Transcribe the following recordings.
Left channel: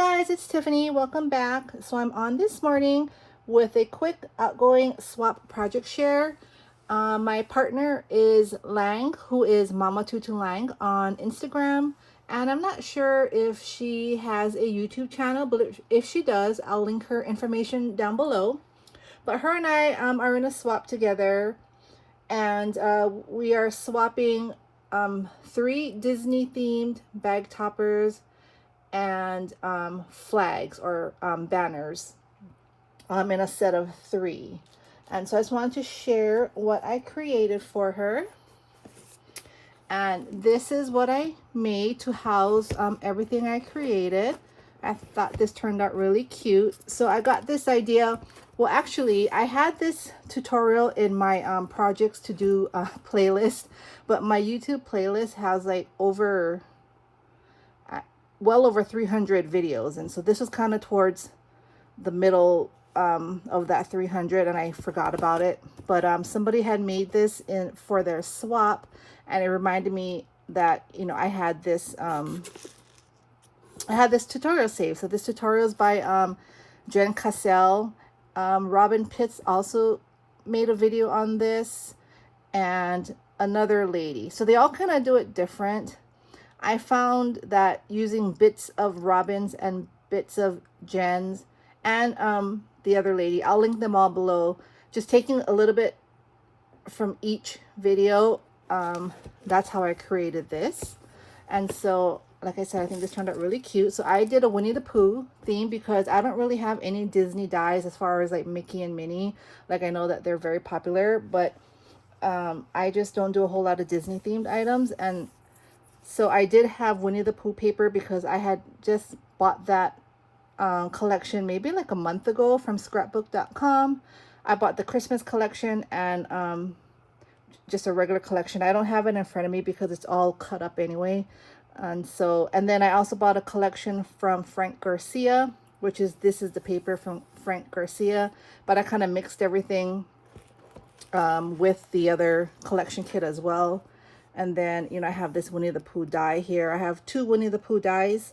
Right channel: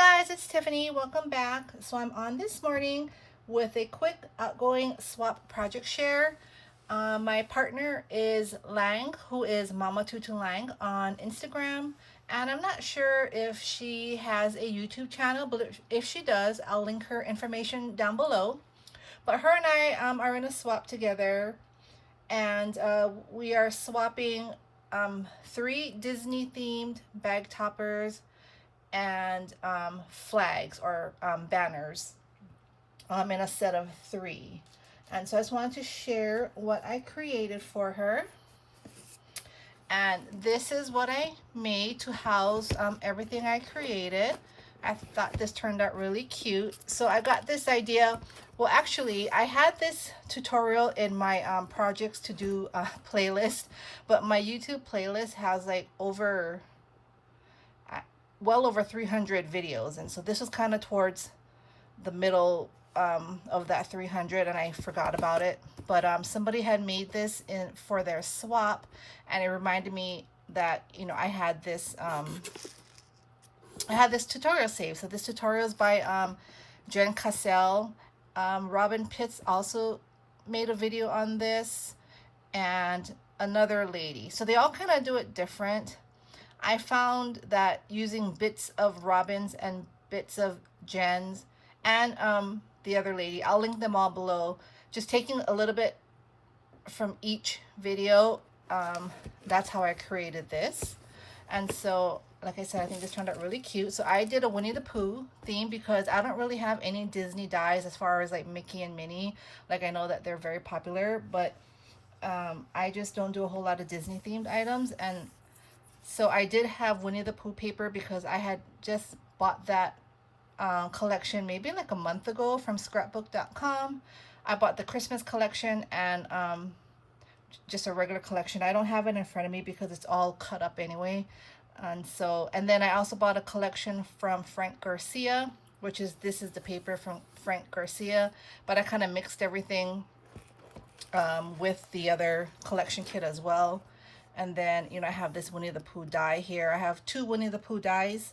guys, it's Tiffany. Welcome back. So I'm on this morning with a quick outgoing swap project share. My partner is Lang, who is Mama Tutu Lang on Instagram. And I'm not sure if she has a YouTube channel, but if she does, I'll link her information down below. But her and I are in a swap together, and we are swapping 3 Disney themed bag toppers and flags or banners in a set of 3. And so I just wanted to share what I created for her. And this is what I made to house everything I created. I thought this turned out really cute. So I got this idea. Well, actually, I had this tutorial in my projects to do playlist, but my YouTube playlist has like well over 300 videos, and so this was kind of towards the middle of that 300, and I forgot about it. But somebody had made this for their swap, and it reminded me that I had this tutorial saved. So this tutorial is by Jen Cassell. Robin Pitts also made a video on this, and another lady. So they all kind of do it different. I found that using bits of Robin's and bits of Jen's and the other lady, I'll link them all below, just taking a little bit from each video, that's how I created this. And so, like I said, I think this turned out really cute. So I did a Winnie the Pooh theme because I don't really have any Disney dies as far as like Mickey and Minnie. Like, I know that they're very popular, but I just don't do a whole lot of Disney themed items. And so I did have Winnie the Pooh paper because I had just bought that collection maybe like a month ago from scrapbook.com. I bought the Christmas collection and just a regular collection. I don't have it in front of me because it's all cut up anyway. And then I also bought a collection from Frank Garcia, this is the paper from Frank Garcia, but I kind of mixed everything with the other collection kit as well. And then, I have this Winnie the Pooh die here. I have 2 Winnie the Pooh dies.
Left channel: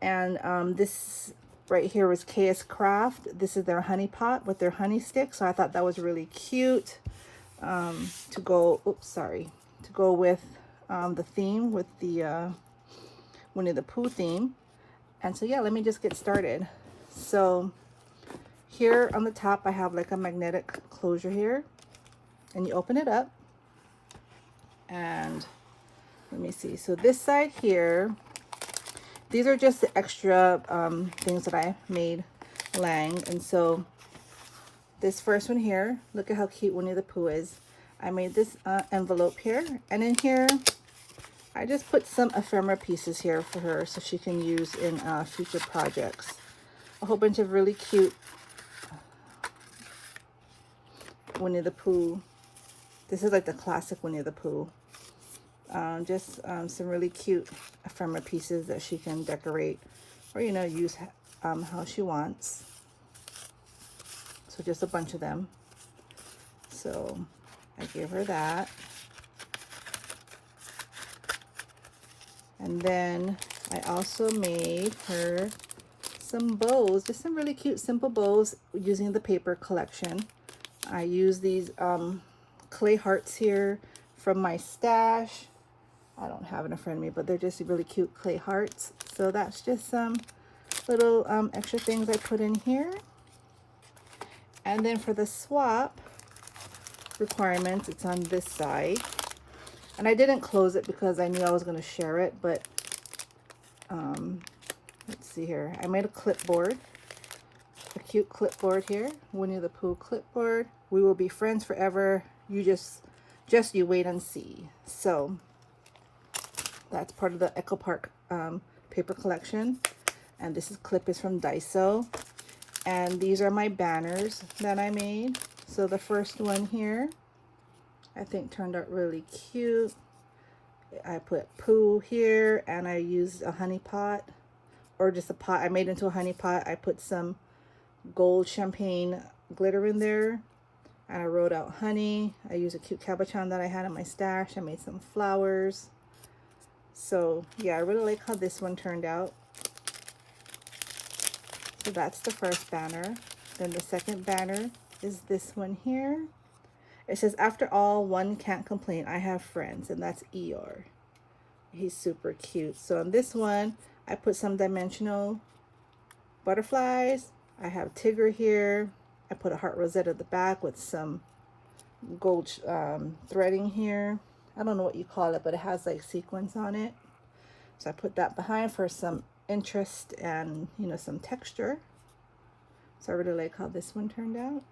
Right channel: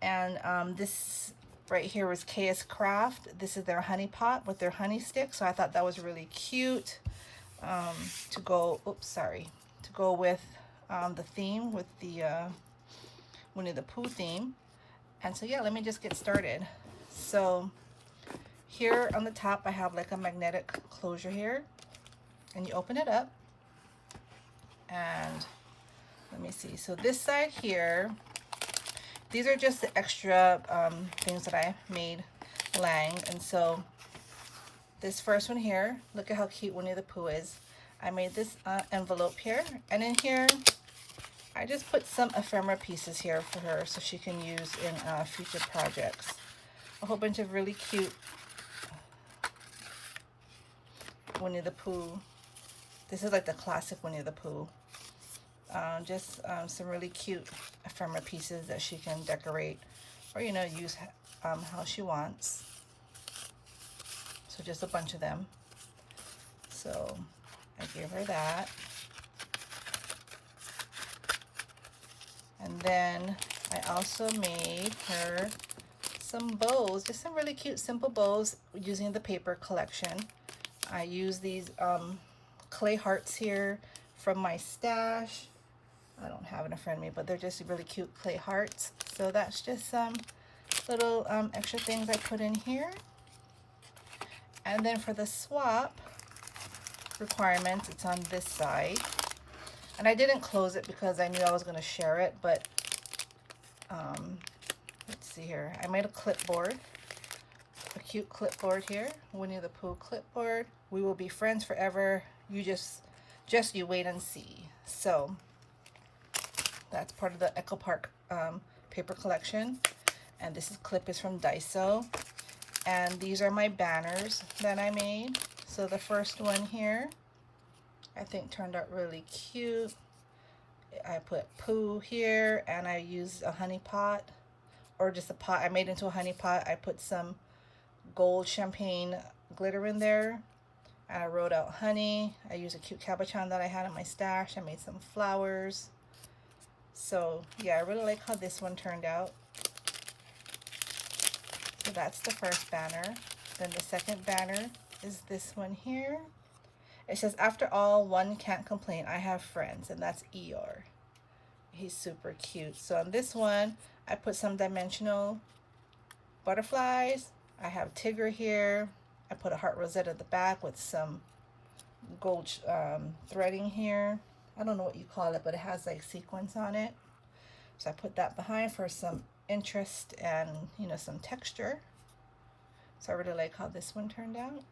And this right here was KS Craft. This is their honey pot with their honey stick. So I thought that was really cute to go with the theme, with the Winnie the Pooh theme. And so, yeah, let me just get started. So here on the top, I have like a magnetic closure here. And you open it up. And let me see. So this side here, these are just the extra things that I made Lang. And so this first one here, look at how cute Winnie the Pooh is. I made this envelope here. And in here, I just put some ephemera pieces here for her so she can use in future projects. A whole bunch of really cute Winnie the Pooh. This is like the classic Winnie the Pooh. Just some really cute ephemera pieces that she can decorate or, use how she wants. So just a bunch of them. So I gave her that. And then I also made her some bows, just some really cute simple bows using the paper collection. I use these clay hearts here from my stash. I don't have it in front of me, but they're just really cute clay hearts. So that's just some little extra things I put in here. And then for the swap requirements, it's on this side. And I didn't close it because I knew I was going to share it, but let's see here. I made a clipboard, a cute clipboard here, Winnie the Pooh clipboard. We will be friends forever. You just you wait and see. So that's part of the Echo Park paper collection. And this clip is from Daiso. And these are my banners that I made. So the first one here, I think turned out really cute. I put Pooh here, and I used a honey pot, or just a pot. I made it into a honey pot. I put some gold champagne glitter in there. And I wrote out honey. I used a cute cabochon that I had in my stash. I made some flowers. So yeah, I really like how this one turned out. So that's the first banner. Then the second banner is this one here. It says, after all, one can't complain. I have friends, and that's Eeyore. He's super cute. So on this one, I put some dimensional butterflies. I have Tigger here. I put a heart rosette at the back with some gold threading here. I don't know what you call it, but it has like sequins on it. So I put that behind for some interest and, you know, some texture. So I really like how this one turned out.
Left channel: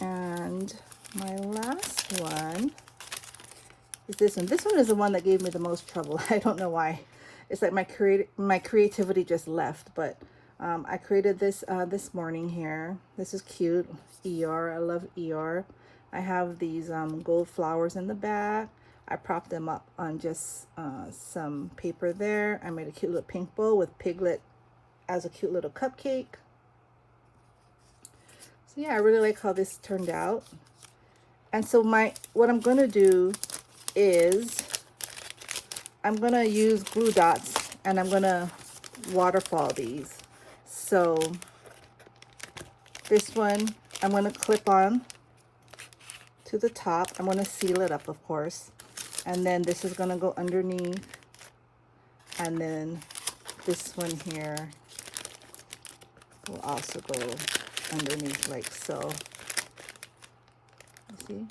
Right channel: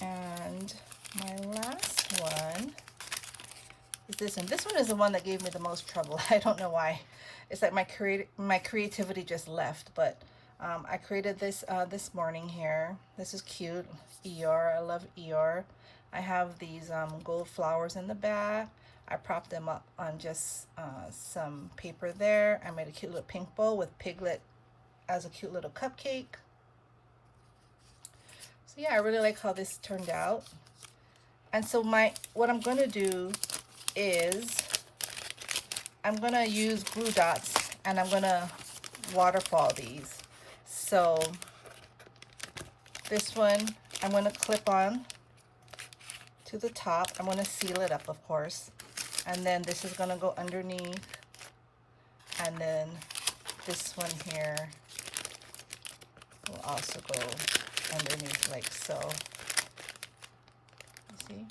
And my last one is this one. This one is the one that gave me the most trouble. I don't know why. It's like my creativity just left, but I created this this morning here. This is cute. Eeyore. I love Eeyore. I have these gold flowers in the back. I propped them up on just some paper there. I made a cute little pink bow with Piglet as a cute little cupcake. So yeah, I really like how this turned out. And so what I'm gonna do is I'm gonna use glue dots and I'm gonna waterfall these. So this one I'm gonna clip on to the top. I'm gonna seal it up, of course. And then this is gonna go underneath. And then this one here will also go underneath like so. You see?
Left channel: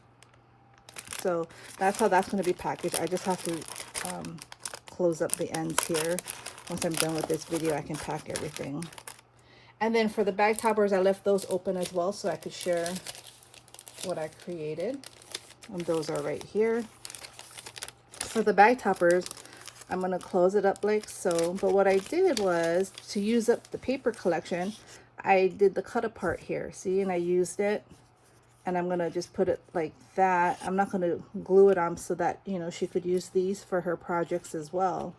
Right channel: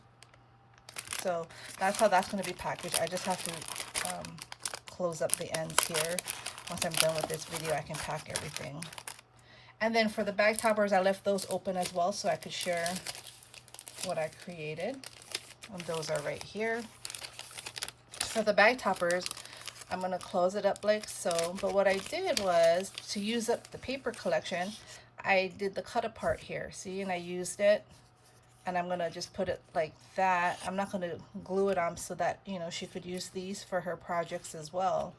So that's how that's going to be packaged. I just have to close up the ends here. Once I'm done with this video, I can pack everything. And then for the bag toppers, I left those open as well so I could share what I created. And those are right here. For the bag toppers, I'm going to close it up like so. But what I did was, to use up the paper collection, I did the cut apart here. See, and I used it. And I'm going to just put it like that. I'm not going to glue it on so that, you know, she could use these for her projects as well.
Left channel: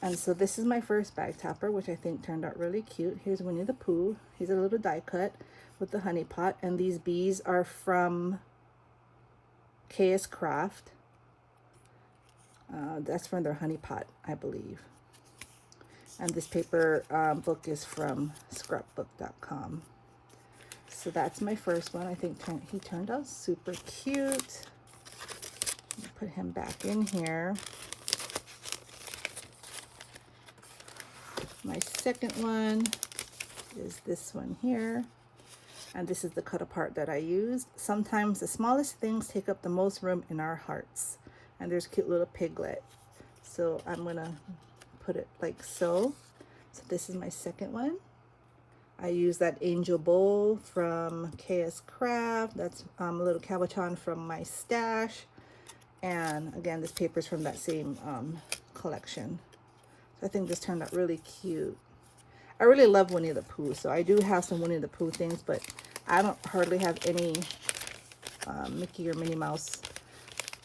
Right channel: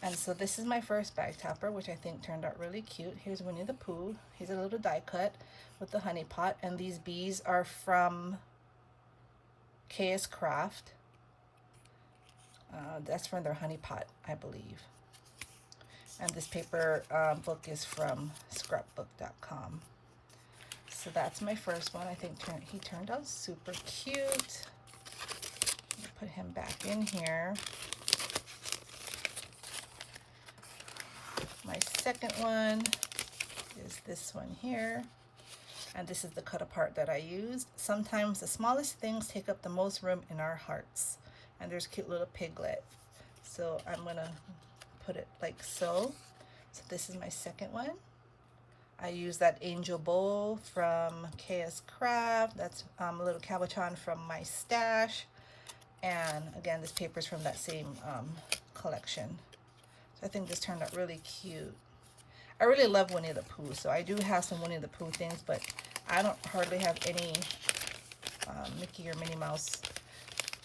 And so this is my first bag topper, which I think turned out really cute. Here's Winnie the Pooh. He's a little die cut with the honey pot. And these bees are from KS Craft. That's from their honey pot, I believe. And this paper book is from scrapbook.com. So that's my first one. I think he turned out super cute. Put him back in here. My second one is this one here. And this is the cut apart that I used. Sometimes the smallest things take up the most room in our hearts. And there's a cute little piglet. So I'm gonna put it like so. So this is my second one. I use that angel bowl from KS Craft. That's a little cabochon from my stash. And again, this paper is from that same collection. So I think this turned out really cute. I really love Winnie the Pooh, so I do have some Winnie the Pooh things, but I don't hardly have any Mickey or Minnie Mouse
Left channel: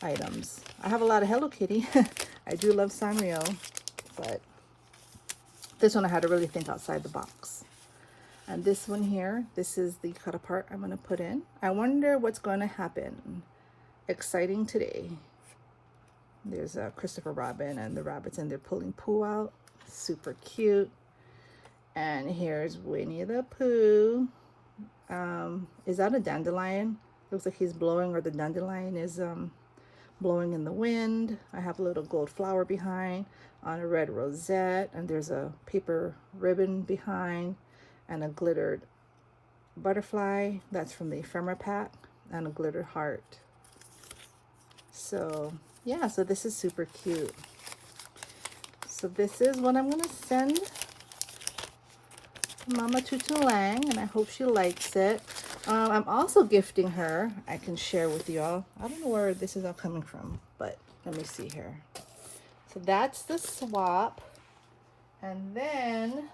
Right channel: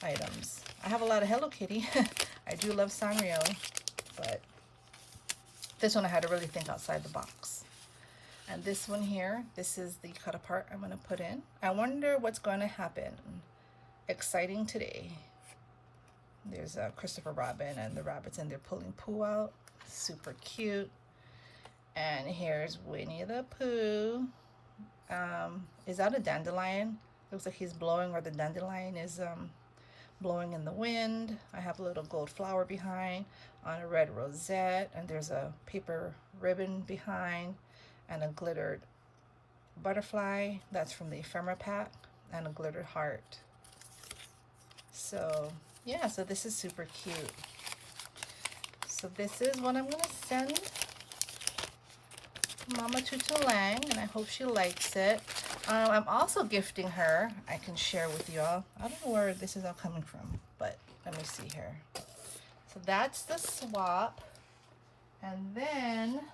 items. I have a lot of Hello Kitty. I do love Sanrio, but this one I had to really think outside the box. And this one here, this is the cut apart I'm going to put in. I wonder what's going to happen. Exciting today. There's a Christopher Robin and the rabbits and they're pulling Pooh out. Super cute. And here's Winnie the Pooh. Is that a dandelion? Looks like he's blowing, or the dandelion is blowing in the wind. I have a little gold flower behind on a red rosette, and there's a paper ribbon behind and a glittered butterfly. That's from the ephemera pack, and a glittered heart. So yeah, so this is super cute. So this is what I'm gonna send Mama Tutu Lang, and I hope she likes it. I'm also gifting her. I can share with y'all. I don't know where this is all coming from, but let me see here. So that's the swap. And then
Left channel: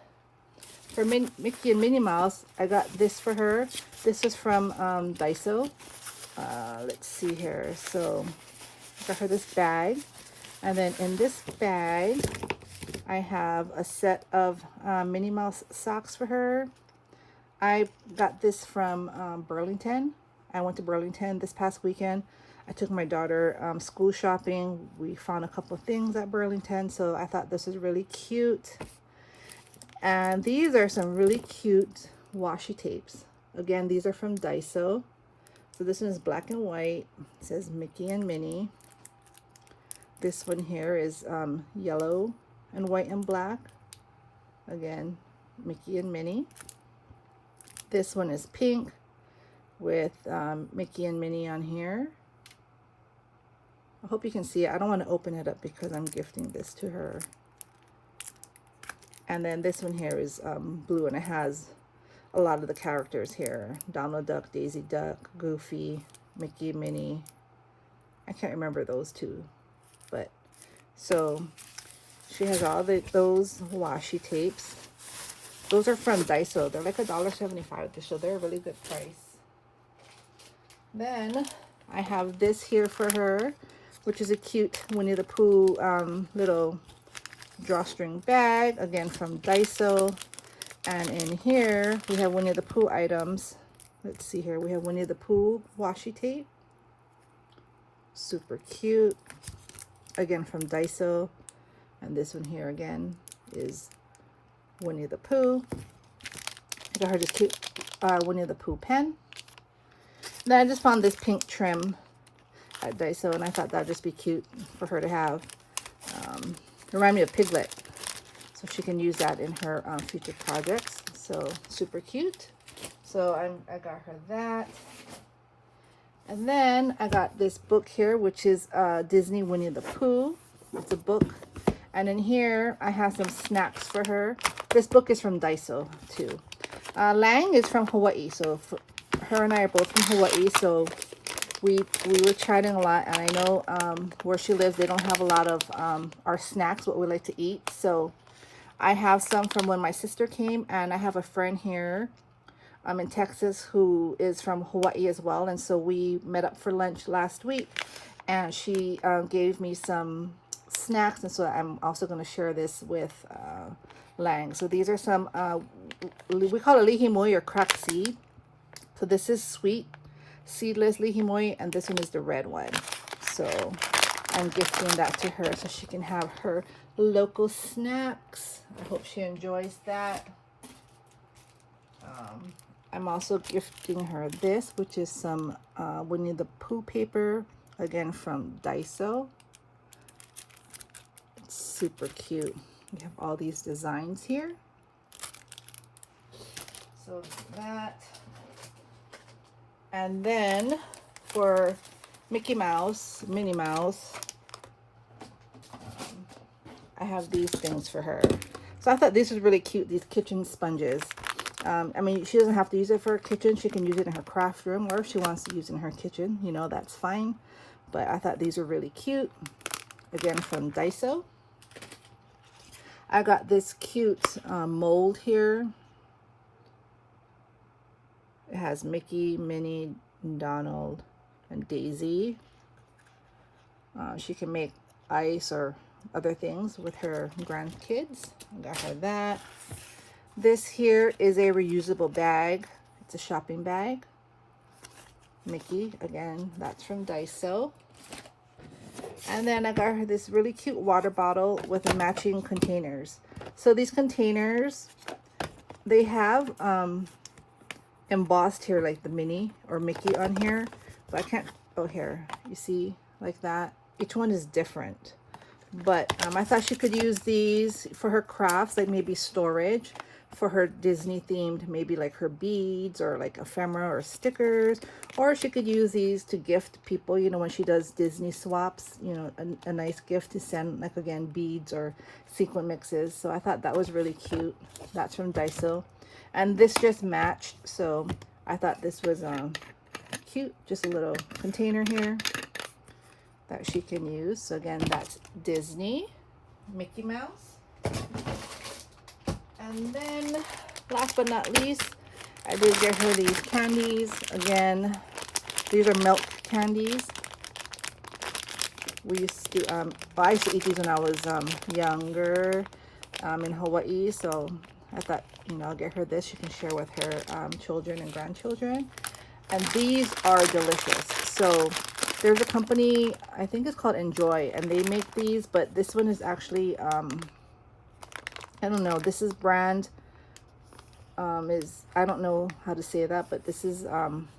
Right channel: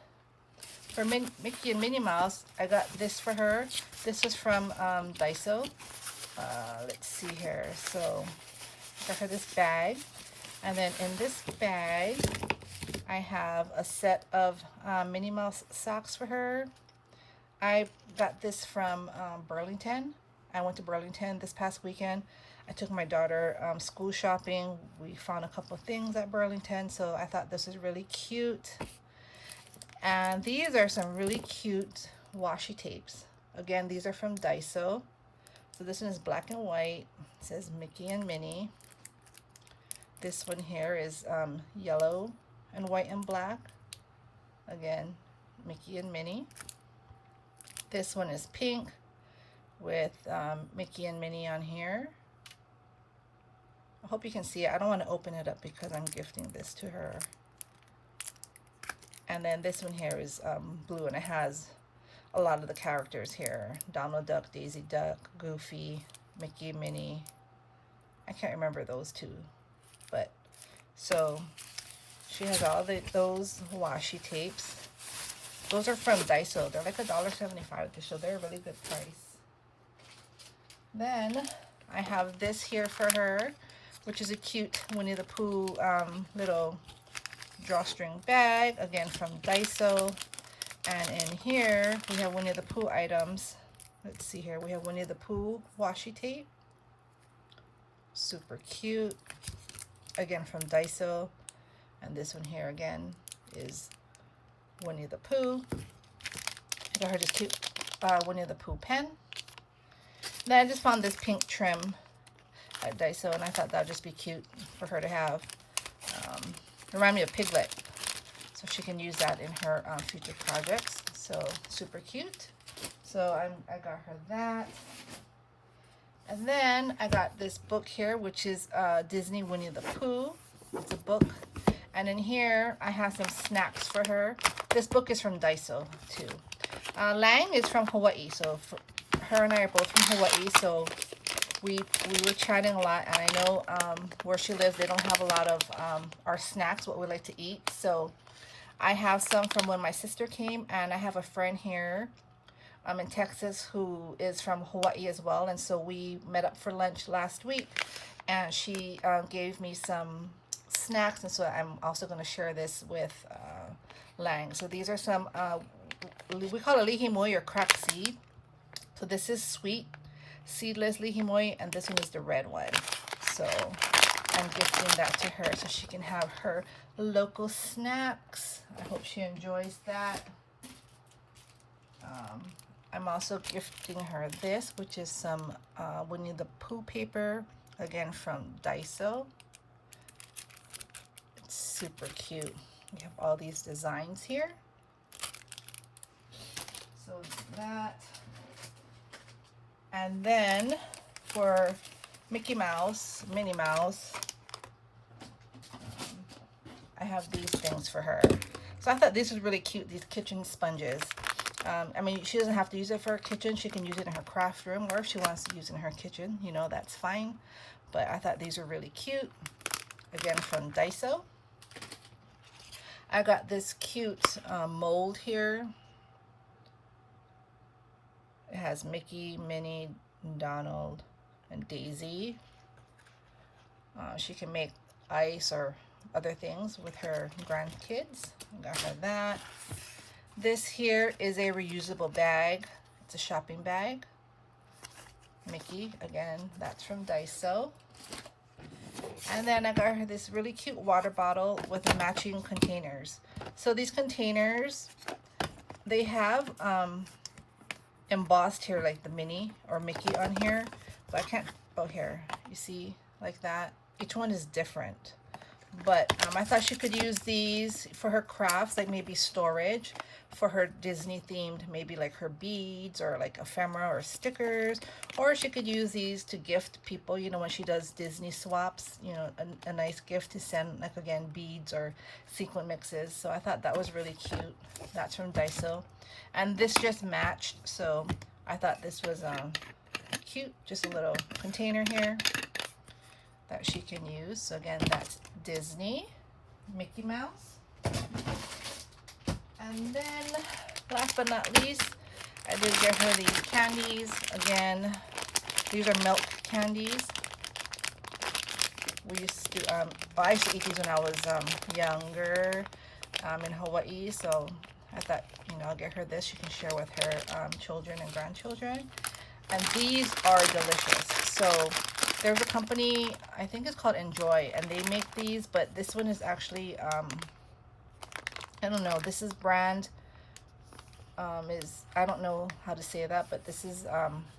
for Mickey and Minnie Mouse, I got this for her. This is from Daiso. Let's see here. So I got her this bag. And then in this bag, I have a set of Minnie Mouse socks for her. I got this from Burlington. I went to Burlington this past weekend. I took my daughter school shopping. We found a couple of things at Burlington, so I thought this is really cute. And these are some really cute washi tapes. Again, these are from Daiso. So this one is black and white. It says Mickey and Minnie. This one here is yellow and white and black. Again, Mickey and Minnie. This one is pink with Mickey and Minnie on here. I hope you can see it. I don't want to open it up because I'm gifting this to her. And then this one here is blue, and it has a lot of the characters here. Donald Duck, Daisy Duck, Goofy, Mickey, Minnie. I can't remember those two. But so she has all those washi tapes. Those are from Daiso. They're like $1.75, so they're a really good price. Then I have this here for her, which is a cute Winnie the Pooh little drawstring bag, again from Daiso. And in here we have Winnie the Pooh items. Let's see here. We have Winnie the Pooh washi tape. Super cute. Again from Daiso. And this one here again is Winnie the Pooh. I got her this cute Winnie the Pooh pen. Then I just found this pink trim at Daiso, and I thought that would just be cute for her to have. Remind me of Piglet, so she can use that in her future projects. So super cute. So I got her that. And then I got this book here, which is Disney Winnie the Pooh. It's a book. And in here, I have some snacks for her. This book is from Daiso, too. Lang is from Hawaii, so her and I are both from Hawaii, so we were chatting a lot, and I know where she lives, they don't have a lot of our snacks, what we like to eat. So I have some from when my sister came, and I have a friend here in Texas who is from Hawaii as well, and so we met up for lunch last week, and she gave me some snacks, and so I'm also going to share this with Lang. So these are some, we call it lihimoi or cracked seed. So this is sweet seedless lihimoi, and this one is the red one. So I'm gifting that to her so she can have her local snacks. I hope she enjoys that. I'm also gifting her this, which is some Winnie the Pooh paper, again from Daiso. It's super cute. We have all these designs here. So that. And then for Mickey Mouse, Minnie Mouse, I have these things for her. So I thought this was really cute, these kitchen sponges. I mean, she doesn't have to use it for her kitchen. She can use it in her craft room, or if she wants to use it in her kitchen, you know, that's fine. But I thought these were really cute. Again, from Daiso. I got this cute mold here. It has Mickey, Minnie, Donald, and Daisy. She can make ice or other things with her grandkids. I got her that. This here is a reusable bag. It's a shopping bag. Mickey, again, that's from Daiso. And then I got her this really cute water bottle with the matching containers. So these containers, they have embossed here like the Minnie or Mickey on here, but I can't, oh here, you see, like that. Each one is different, but I thought she could use these for her crafts, like maybe storage for her Disney themed, maybe like her beads or like ephemera or stickers, or she could use these to gift people, you know, when she does Disney swaps, you know, a nice gift to send, like again, beads or sequin mixes. So I thought that was really cute. That's from Daiso. And this just matched, so I thought this was cute. Just a little container here that she can use. So again, that's Disney, Mickey Mouse. And then, last but not least, I did get her these candies. Again, these are milk candies. We used to, well, I used to eat these when I was younger in Hawaii, so I thought, you know, I'll get her this. She can share with her children and grandchildren. And these are delicious. So There's a company, I think it's called Enjoy, and they make these, but this one is actually, I don't know, this is brand, I don't know how to say that, but this is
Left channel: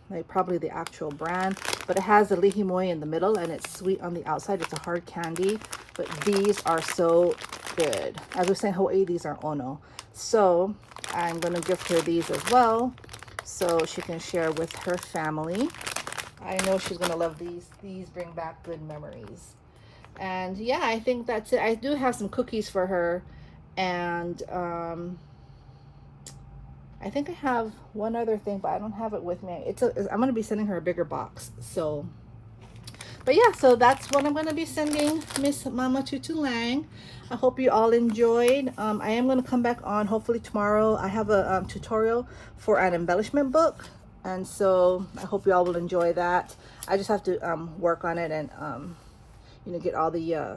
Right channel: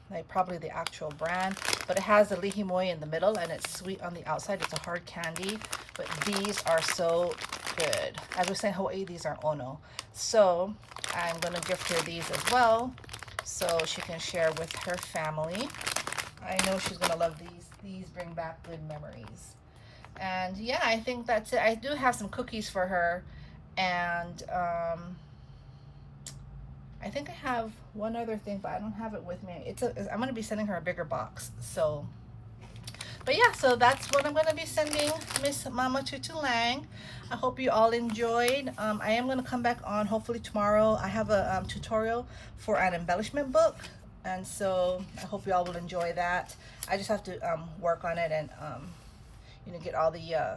like probably the actual brand, but it has a lihimoi in the middle and it's sweet on the outside. It's a hard candy, but these are so good. As I was saying, Hawaii, these are ono. So I'm going to gift her these as well so she can share with her family. I know she's going to love these. These bring back good memories. And yeah, I think that's it. I do have some cookies for her, and I think I have one other thing, but I don't have it with me. I'm going to be sending her a bigger box. So, but yeah, so that's what I'm going to be sending Miss Mama Tutu Lang. I hope you all enjoyed. I am going to come back on hopefully tomorrow. I have a tutorial for an embellishment book. And so I hope you all will enjoy that. I just have to work on it and, you know, get all the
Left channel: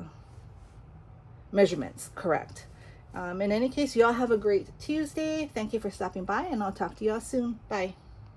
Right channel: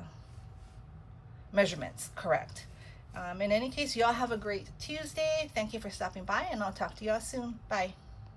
measurements correct. In any case, y'all have a great Tuesday. Thank you for stopping by, and I'll talk to y'all soon. Bye.